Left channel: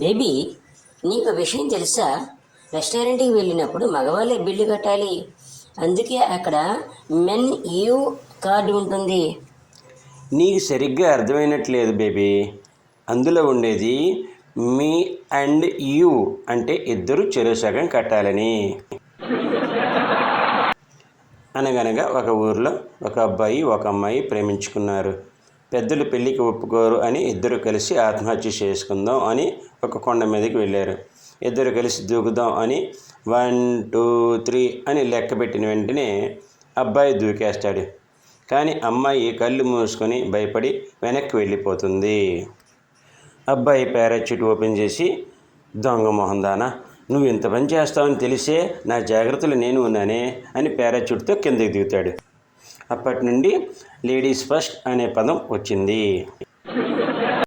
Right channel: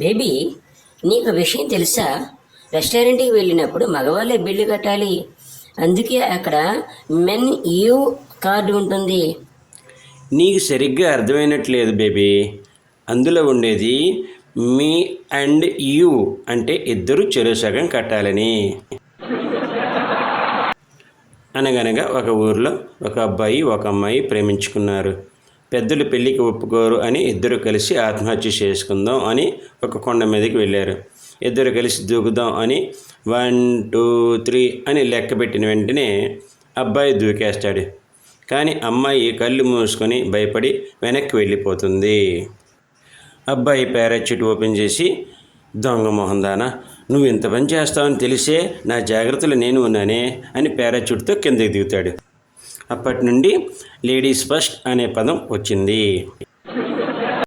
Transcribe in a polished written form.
Baby, నీకు విషయం తెలుసా? రెస్టారెంట్కి వెళ్ళినప్పుడు మగవాళ్ళే బిల్లు కట్టాలి. అందుకే అక్కడ మెన్ యూ కార్డు ఉంటుంది. నీకు సరిగ్గా అర్థమైనట్లేదు బేబీ. అందులో ఉండేది మీ అండ్ యూ, అంటే ఇద్దరు చెరో సగం కట్టాలని. అనగనగా ఒక ఊరిలో ఒక అబ్బాయి ఒక అమ్మాయి ప్రేమించుకున్నారు. పెద్దలు పెళ్ళికి ఒప్పుకోరు అని ఇద్దరు కలిసి ఆత్మహత్య చేసుకుందాం అని ఒక కొండ మీదకి వెళ్ళారు. ఇద్దరు కలిసి దూకుదాం అని 1 2 3 అని లెక్క పెట్టిన వెంటనే అబ్బాయి దూకేస్తాడు. కానీ అమ్మాయి కళ్ళు మూసుకొని భయపడి వెనక్కి వెళ్ళిపోతుంది. అబ్బాయి పారాచ్యూట్ ఓపెన్ చేసి, దొంగ మొహందానా, నువ్వు ఇంత పని చేస్తావని తెలిసే నా జాగ్రత్తలు నేను ఉన్నానే అని పారాచ్యూట్తో కిందకి దిగుతాడు. అప్పటి నుండి లేడీస్ ఫస్ట్ అనే పదం వచ్చింది.